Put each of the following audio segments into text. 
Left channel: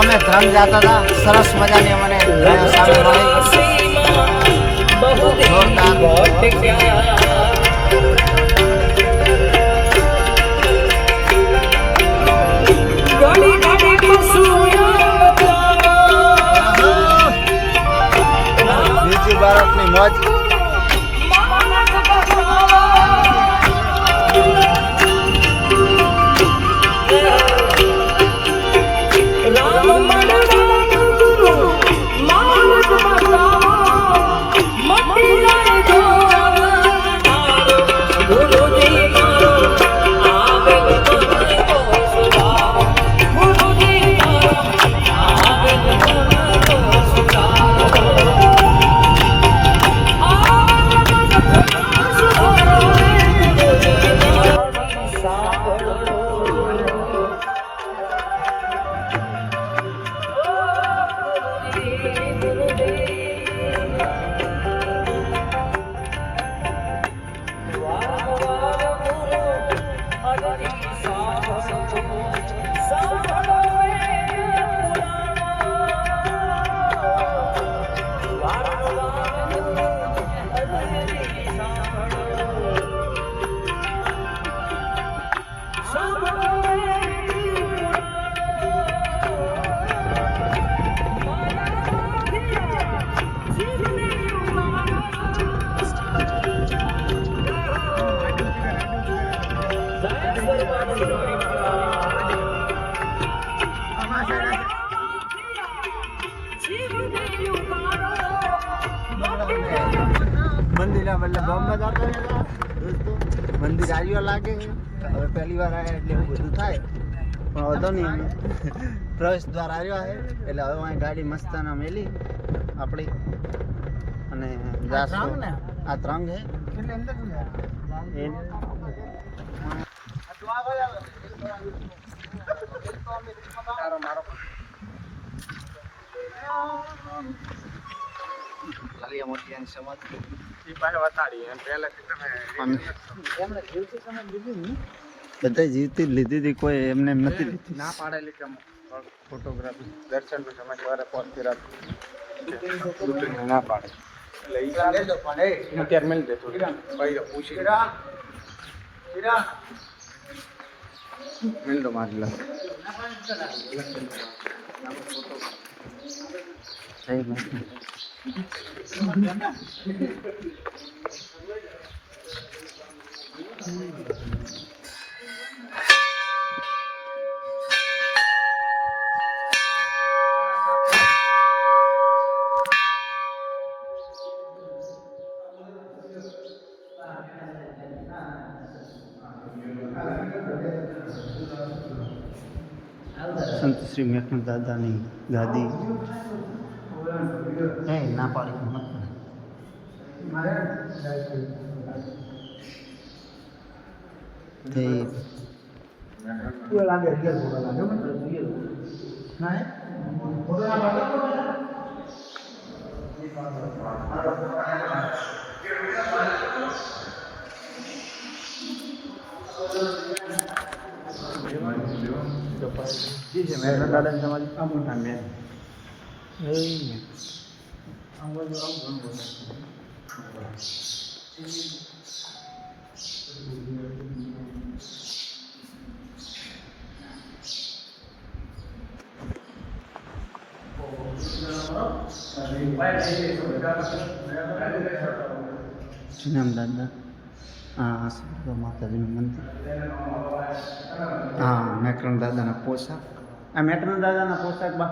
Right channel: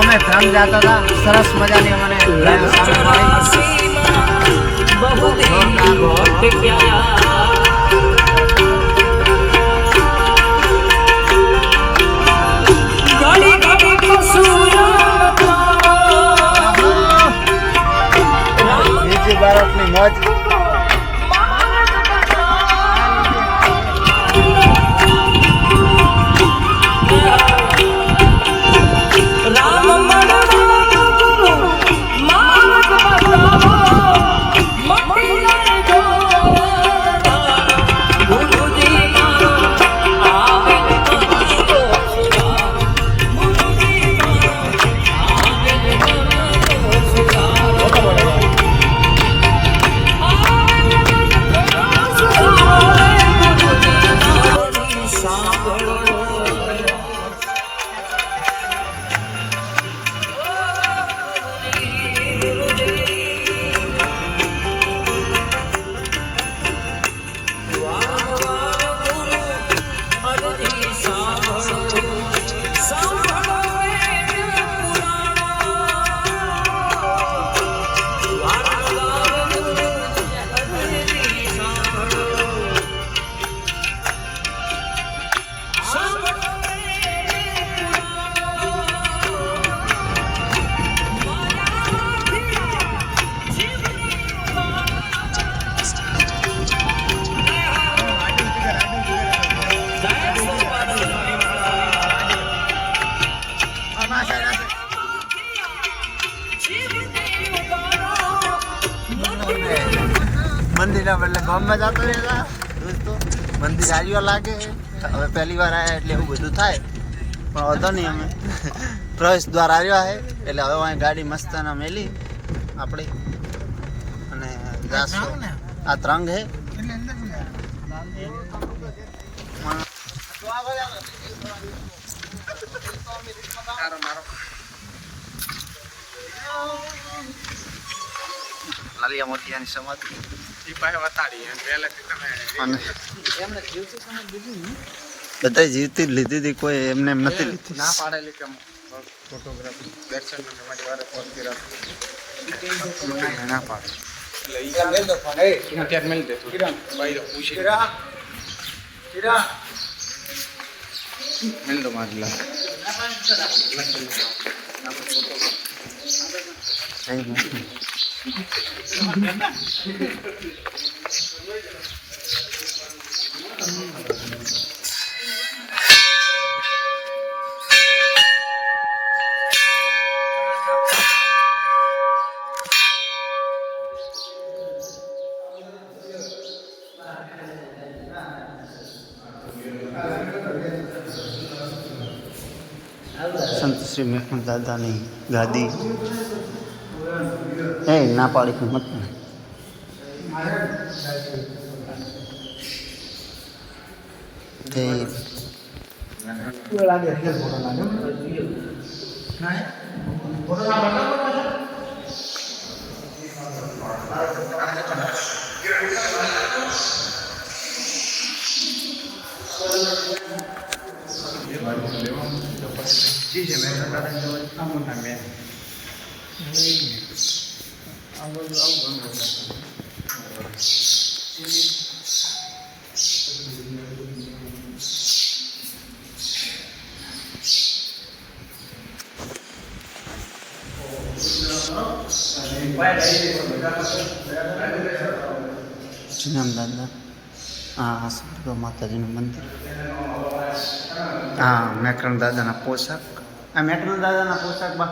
અમે ધ્રમ જતા હતા. સરસ મજાની અમને સામે મળી. બીજી ભારતની મોજ. બદલે ગામમાં જતો રહેતા દોસ્તો, મંદિર આવ્યો લાગે. હવે પહેલી વાર આવ્યા એટલે એવું બધું થાય. પણ વાંધો નહીં અમે. પ્રવેશ દ્વાર આવ્યો છે, એટલે હવે અહીં ગાડી મસ્તાના મેલી. આપણી. અને જાસો આ ત્રંગ હે લાલિયા મોતિયાની સમાધિ. બધા જીવતી જ લીધી હતી કોઈ એમને એમ નથી લીધી. ના પાડેલી કે ફોટોગ્રાફી. દર્શન સમાજ વાળા ફોટોગ્રાફી ના પાડે. એટલે ઈ ત્યારે મળી દેતો પૂછી મિલ દો મારી. સંત શ્રી મેઘનાથ દાદાની ગાદી એ ના પાડી હિંમત નહીં તે જુનામ દાદા હા આ સદગુરુ માતાજીનું મંદિર હા મેકરણ દાદાના પોશાક આ મેકરણ દાદાના પોશાક બા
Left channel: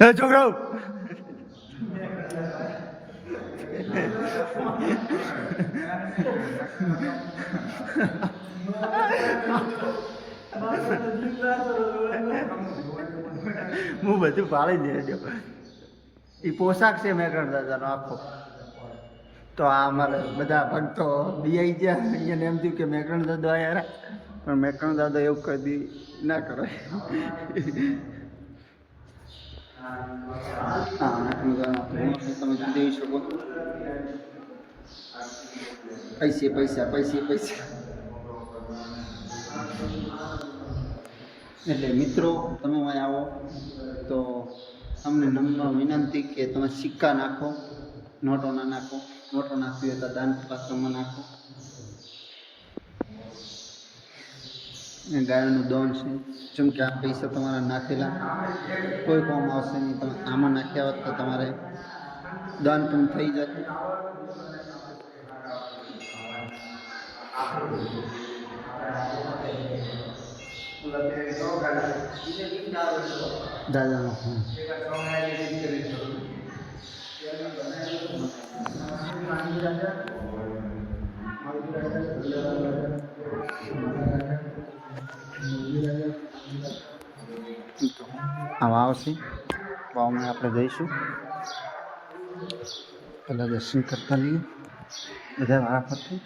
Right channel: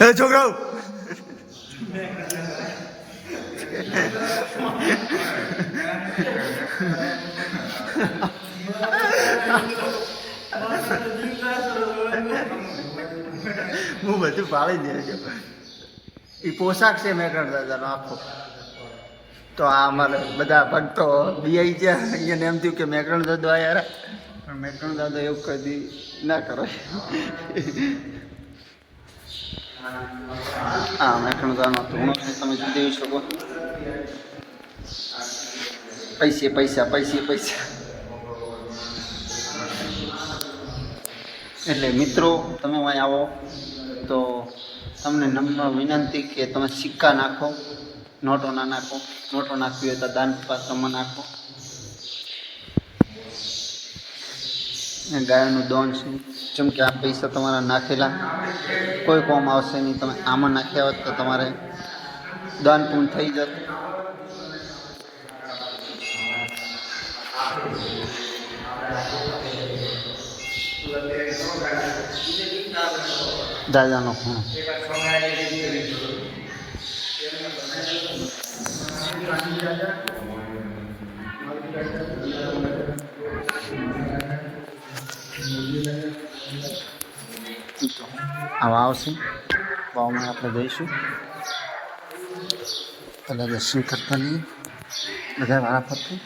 એ છોકરાઓ? હું બધું પાળી દેજો એ પોશાક છે મેકરણ દાદાનો આખો. તો આ અમારે બધા ભક્તો બીઆઈ ગયા. અહીંયા એમ થયું કે મેકરણ દાદો યાર પણ મેકરણ દાદો એવું કદી ના કરે. હા મેકરણ દાદાનો ધૂણો તમે જોઈ શકો. પૈસે, પૈસા પૈસે, પૈસા. એટલે મિત્રો, તમે અહીં આવો તો તમને નમ્ર વિનંતી કે તમે સિક્કા નાખો નોટો ના નાખો, નોટો નાખવી હોય તો દાન પાત્રમાં નાખો. ગાયનું દોન છે. જેમ કે આ પૈસા તમારા નાખેલા. કોઈ કોમ આવશે નહીં. તમે આમાં નાખ્યા હોત તો તમારે દાન પૂર્ણ થઈ જત. દાદાનો ખૂણો. તો આવા આવશે. વાવમાં આપણે જઈશું. પહેલાં દર્શન કરતા લઈએ. બધા વાળા ફરતે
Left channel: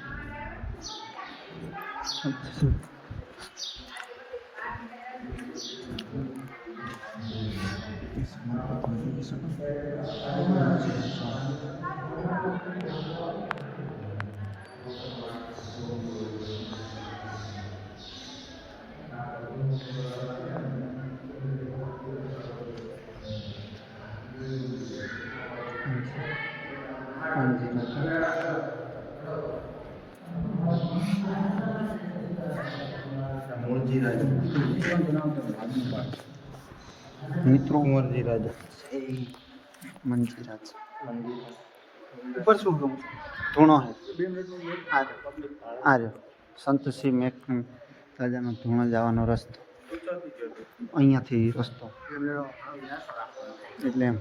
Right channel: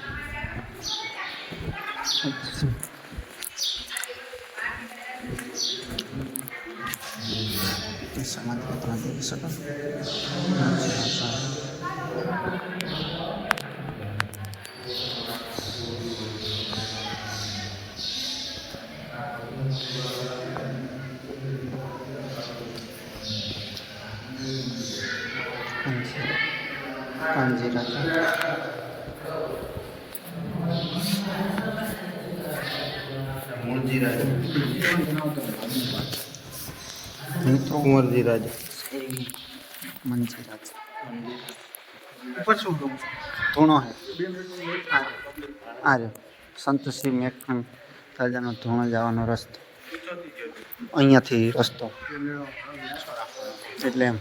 સમાજ પત્ર જોઈ રાજા મિત્રો કુંવરજી રાજા મંજી રાજા ઉપર શું કહું? ધૂણો હે. આર્યો સંતસિંહ મેકન રાજાનો ધૂણો જવાનો રસ્તો. અહીંયાથી રસ્તો. એટલે એમ.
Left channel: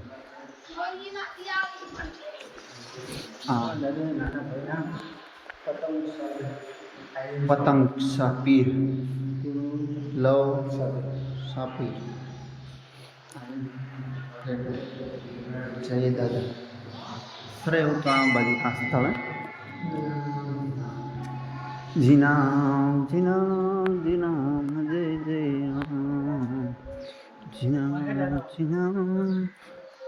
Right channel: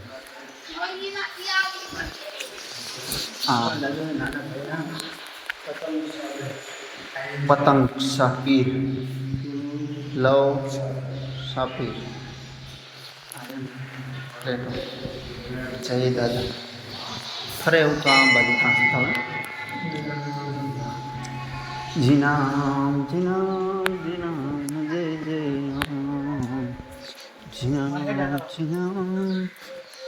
હા. પતંગ સાપીર લવ પ્લેટો જય દાદા. ફરે એવું તો આ બાજુ કાંસ થવા. જીનામ જીનામ જીનામ જય જય. જીનામ જીનામ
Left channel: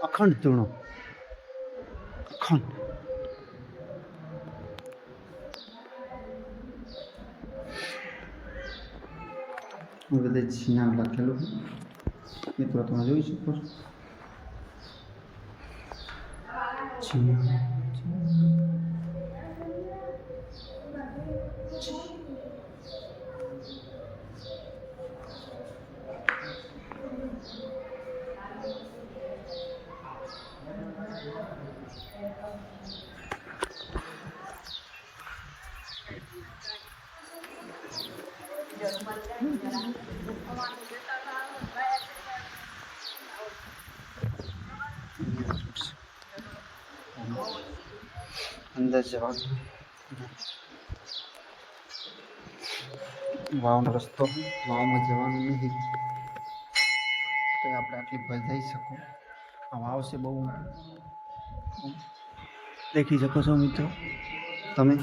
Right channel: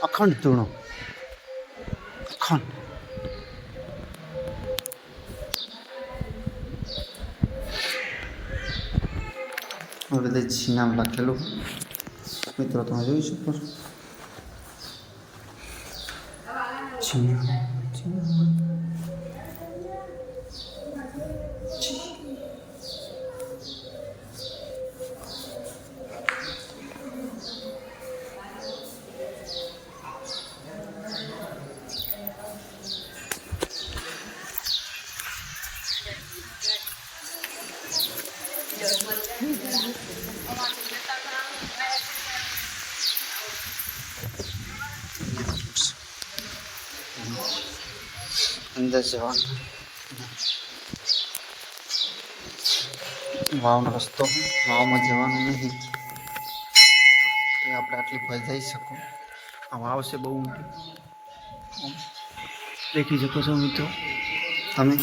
અખંડ ધૂણો. અખંડ. બધે જીનામ લખેલું મિત્રો તમે જોઈ શકો છો. અંદર જવાનું વાવનો રસ્તો વાવમાં જવાનું નહીં તો આપણે આટલી ભજાઈ જઈ શકો આ વાવ છે બહુ. દેખી શકો છો મિત્રો તમે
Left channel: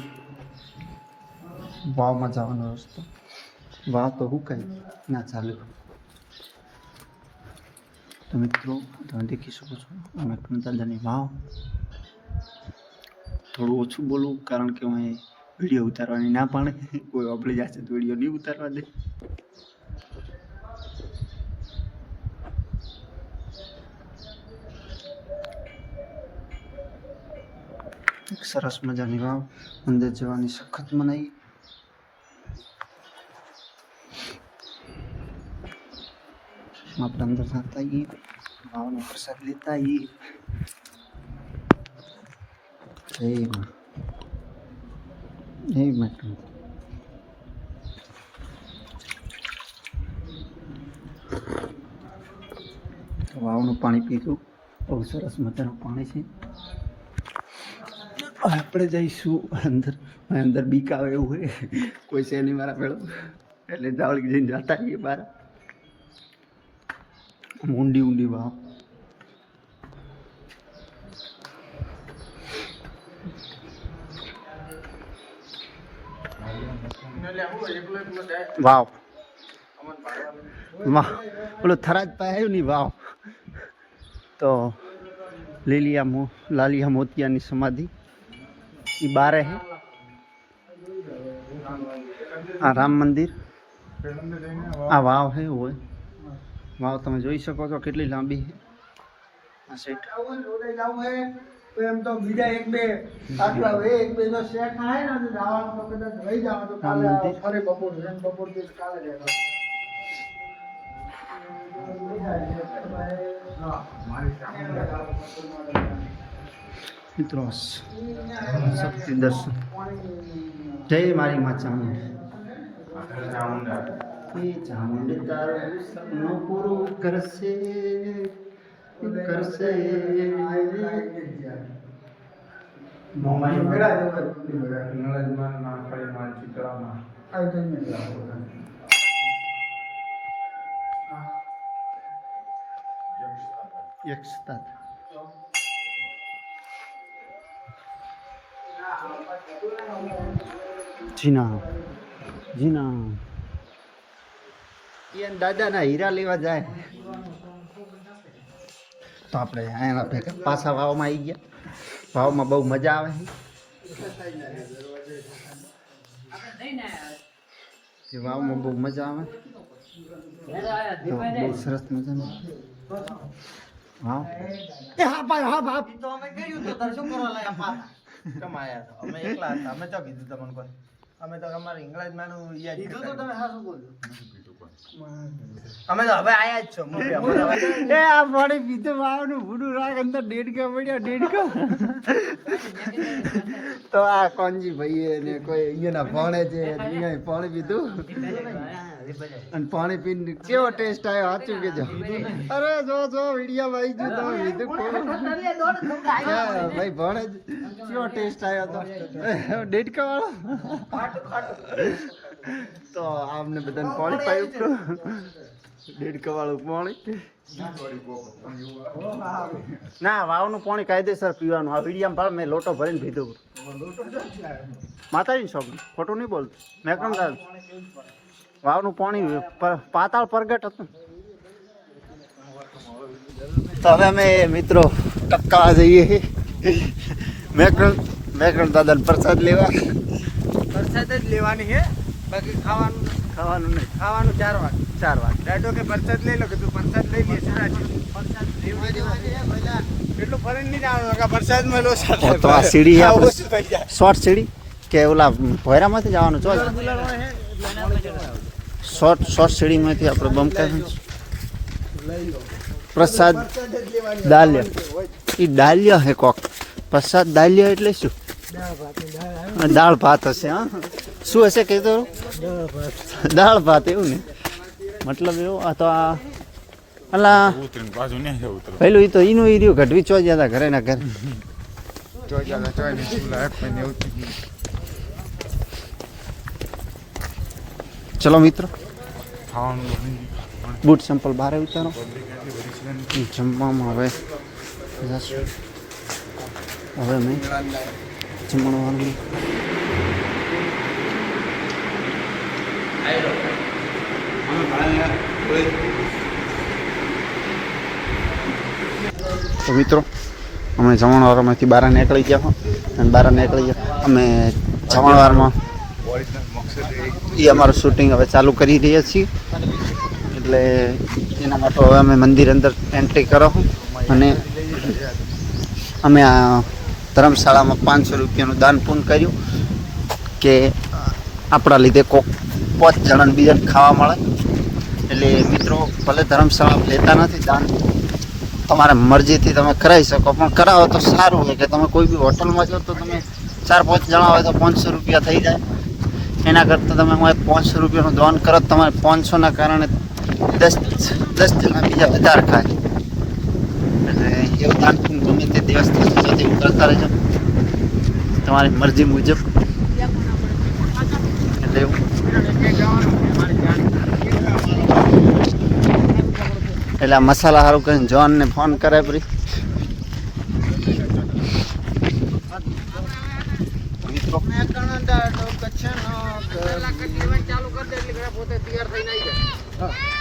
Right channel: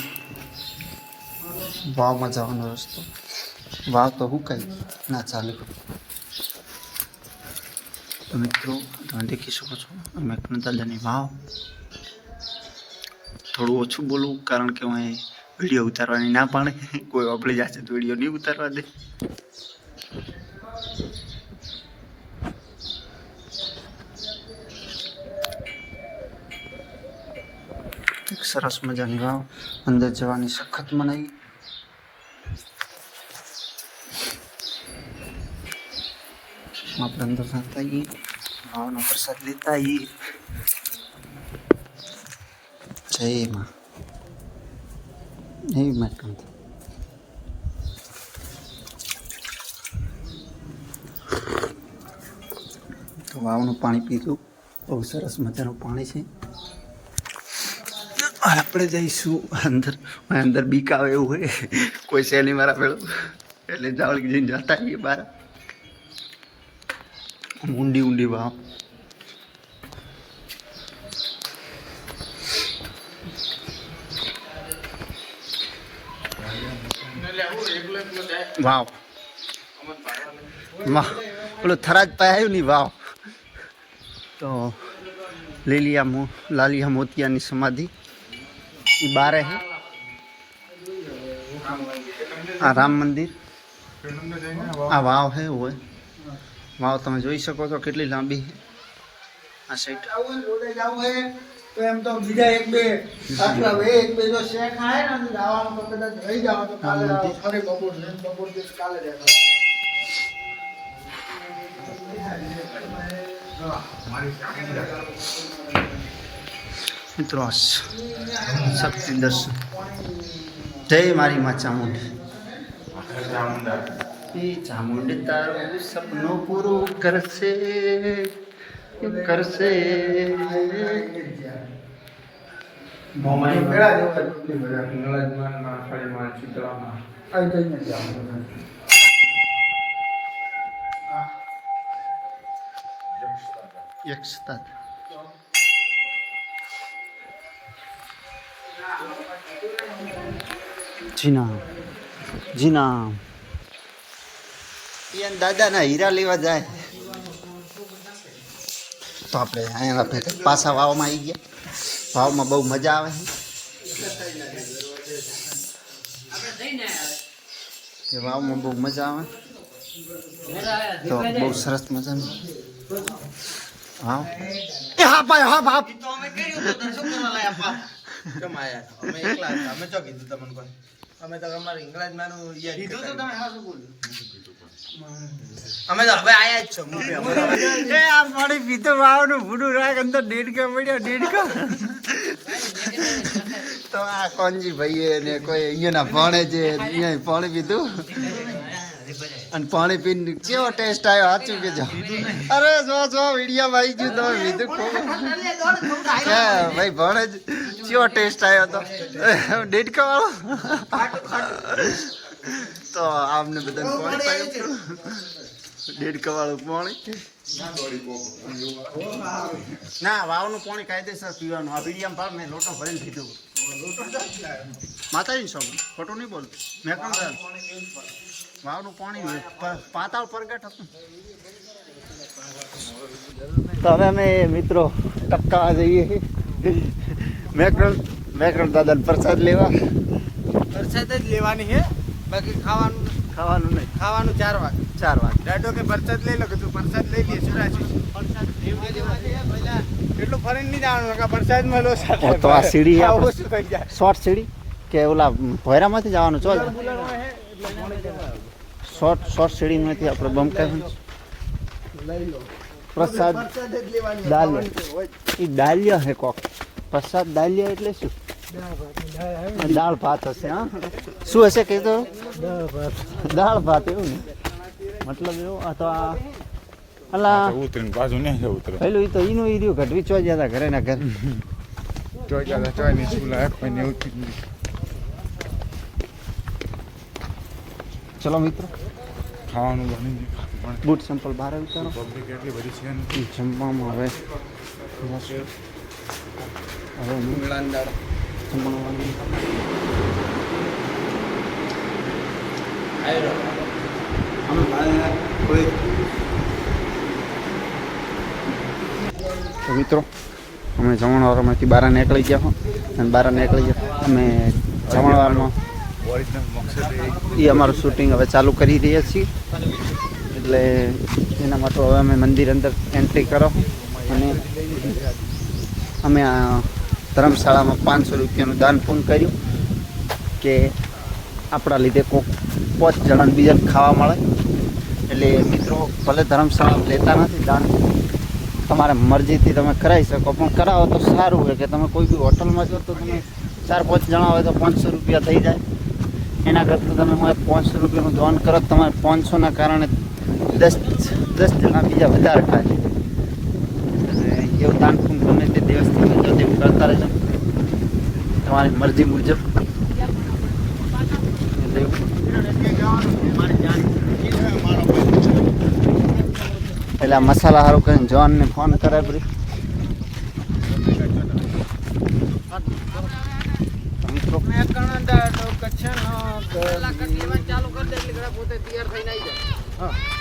વાવમાં જવાનો રસ્તો વાવ તો હુકાઈ ના, ચાલુ. તો મિત્રો, તમે દેખી શકો છો, અમે દાદાની વાવ. થોડું ઓછું બોલવું, કારણ કે હું વીડિયો ઉતારવાની ના પાડે. કોઈ આપણી જાશે તો વીડિયો નહીં ઉતારવા દે. એક સરસ મજાની વાવ. અંદર જવાની સખત મનાઈ. આપણે અંદર જતા આવીએ વાવનો પ્રસાદ લેતા આવીએ જય માં. જય તો વાવનું પાણી પીધું. બહુ સરસ મજાનું પાણી છે. આપણે જઈશું અંદર. અંદર બીક આવે એવું હોય. કોઈ શેની મારા પેલો એટલે જાવલ જઈને જતા આવીએ બહાર ઊંડી ઊંડી વાવ વાવ વાહ પેલું થરાજ પાસે આવ્યું નહીં વાવ તો લીલિયા મો લાલિયા મોતિયાની સમાધિ એ બારે હે આ રામ મંદિર આ વાવ હે હોય વાવ તમે જોઈ શકો છો કેટલી લાંબી છે આ સેટ તો એમ તો બીજા એક બે આટલા હવે એક બે જો શેક થાય ને તો જવાનું તો કદાચ રહી જાવ તો કાલે ફરી બપોર છે બપોર દિવસ કાલે રહેવા મિત્રો શક્તિ દર્શન. જય મારી માં ચામુંડી ચામુંડી તારું સપનું પૂરું કરશે કરશે મેળા જેવા ડુંગળી બધા. આ જઈને જાઓ. યક્ષતા જી ના જી ના ઈયન દાદાના હીરા લેવા જાય. તો આપણે અહીંયા ભેગા પાછા વાવમાં આવી ગયા. વાવમાં બહુ મજા આવે છે. વાવમાં બહુ મજા આવે. તો બહુ સરસ મજાનું. વાવ. એ હા ભાઈ હા બાપ કેમ આયા છો? અમે એકલા અમે તો કીધું તમને કોઈ? અમે તો અમારે ઇંગ્લિશમાંનું યાદ કરતા. અમે તો હવે આયા જ છો એ, આ પાણી તો આ કોનજી ભાઈએ ને કોઈ અહીંયાના ભણે અહીંયા પાણી પીધું. અને પાણી પીને કેવો ટેસ્ટ આવ્યો, સાચું કેજો અરે, જો જો વિડીયોમાં ભાઈ ગયું, તમે પીધું ખૂબ. કે, ભાઈ, ભણે જ. કેવો ટેસ્ટ આવ્યો તો? દેડકા વાળો? તો આમને બધાને પાણી પાયું તો દેડ કવાળું પાણી. ના વાવનું પાણી કાયદેસર પીવાનું. આ વિડીયામાં ભાવ મેં લોટો ભરીને પીધું માતાજી શોપ ખોટું નહીં બોલતું. મેં કેમ વાવનું પાણી પાતાળ પ્રગટ હતું. તો હવે અમે મિત્રો ટક્કા જઈએ. મેકરણ મેકરણ દાદાને પ્રસાદ લેવા. પ્રસાદ જ લેવાની છે બાકી ખાવાનું ખાવાનું નહીં. ખાવાનું ચાર વાગે. ચાર વાગે. દાદો કે પરસાદ લઈ લો કે તું પરસાદ લઈ લે સરાજી તો આ સીડી આપણે શોર્ટ સીડી? કે ઓલા ભોયરામાંથી જવાનું? ચો શોર્ટ શોર્ટ સીડીમાંથી આપણે બમકા લઈ લો. પ્રસાદ પરસાદ દાલ્ય. એ દાલ્ય હે કોક. પ્રસાદ દાલ્ય એટલે શું? દાળ ભાત હશે, હા? શું હશે કીધું દાળ ભાત દાળ ભાત, એવું ને? મતલબ એવું, આ તો આ અલા પેલું એ તો એનું એ રહ્યું ઘટવી ચો ગયા હતા ઘરે ના ઘરે. ચલો મિત્રો. બૂટ સંપલ બહાર ઉતારો જમવામાં હવે હવે મેં તો મિત્રો, અમે જમણવારમાંથી બહાર નીકળી ગયા અને બહાર નીકળી ગયા. અમે જમણવારમાં એ અમારું શૂટિંગ હવે ચાલુ કરી રહ્યા છીએ. એટલે એના માટે હવે અમે મંદિર અંદર એન્ટ્રી કરો અને અમે આ ધર્મશાળામાં પાંચસો રૂપિયાનું દાન પૂર્ણ કર્યું કે આપણા લીધે કોક પાંચ જણાને બીજાને ખાવા મળે. એટલે મિત્રો, ભલે ધર્મશાળા લેતા નથી દાન, તમારે મરજીથી તમે કરાવી શકો, પણ કરાવો તો સારું હોય કે તમે કોઈ બી હોટલમાં જાઓ તો તમે ચાર પાંચ જણા હોય તો પાંચસો રૂપિયા થઈ જાય. એના કરતાં તમે મને પાંચસો રૂપિયાનું દાન કરો તમારે પાંચસોના કારણે દસ દસ જણા બીજા વધારે ખાય. એવું દાન ગમે તે દિવસ તેવું કરતા રહેજો તમારી મરજી મુજબ. એટલે એટલે મસાલા સારું કરીને જોનને ફોન કરે પરી મિત્રો. ચાલુ કરી દે એટલે પોતે તૈયાર થઈને આવી જાય.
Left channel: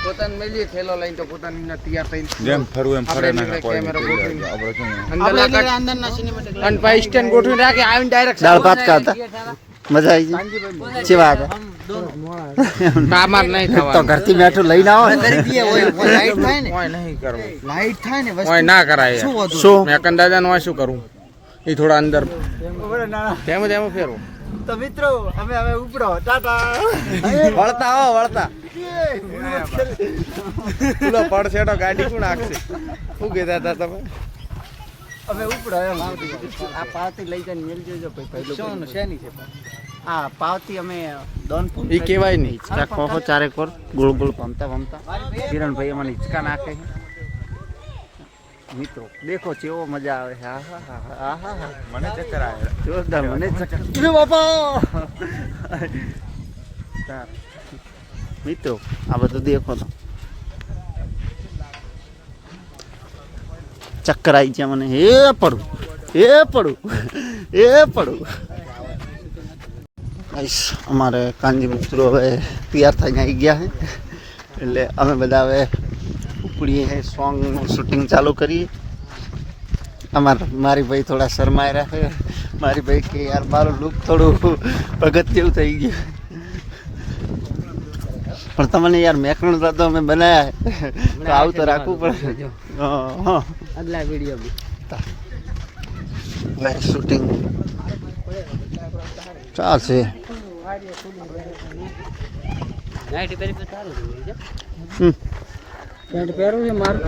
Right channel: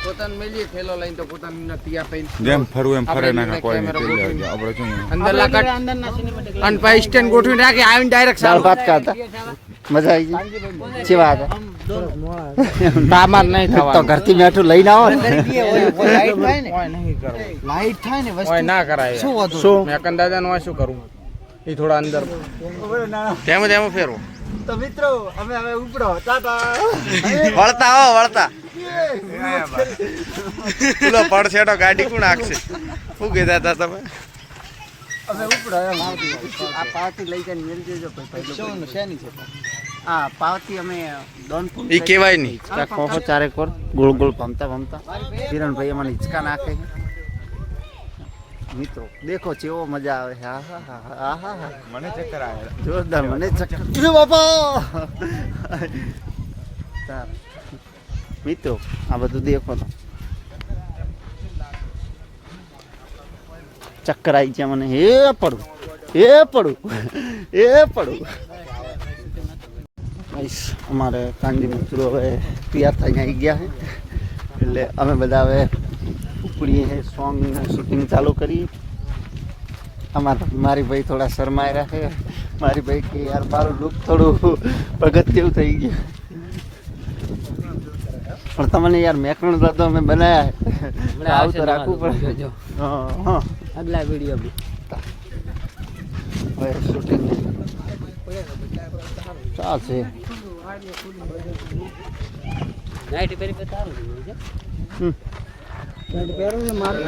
પોતાને મેલી થેલો લઈને તો પોતાની તૈયાર થઈને જેમ ફરવું એમ ફરે ના કેમેરો ગોઠવીને. આપણે સિનેમા અને પાઈ સ્ટેન્ડ ગોઠવીને રાખી આવીને ડાયરેક્ટ દાળ ભાત ખાતા. મજા આવી ગઈ? કેવા વાત તામાર નહીં તો ઘરથી મેઠું લઈને આવો લાઈટ થાય ને. ના કરાય. યાર. શું? શું કરું? એ થોડા અંદર. તેમ તેમ ફેરવો. તો મિત્રો અમે હવે ઉપરો ટાટા. વળતા હો વળતા. પેલો તો ગાડી કોણ આખશે? શું કહેતા હતા તમે? અમે ઉપડો આ પાર્ટી લઈ જઈને મેળ દેજો કોઈ શેની છે? હા પાવતી અમે ડોનપુર ઈ કહેવાય નહીં. ચાખો હો ચારેક કોર. ગોળ ગોળ ભમતા ભમતા કિરણભાઈ અમને હિંચકા નાખે છે. મિત્રો દેખો ચેવો મજા આવે છે. આહા હા હા હા હા મને ચક્કર આવે. જોરદાર મને ચક્કર. બાપા! તાર. મિત્રો, આ બધું દેખો તો. ચક્કર આવી ગયા મને. હે પડું હે પડું હે પડું. અમારે કાનજી મિત્રો હવે તૈયાર થઈને આવી ગયા છે. એટલે અમે બધા હવે ઉપડીએ સોંગ શૂટિંગ ચાલુ કરીએ. અમારા મારી ભાઈ થોડા શરમાઈ છે મારી ભાઈ કે, યાર, મારું લુક થોડું ભગત જેવું થઈ ગયું. પણ તમને યાર મેકરણ તો અમે બનાયા તો આવું તો રાખવું પડે આગલા વિડીયો બી શૂટિંગ ચાલશે પેન્ટ પહેરવું છે મારું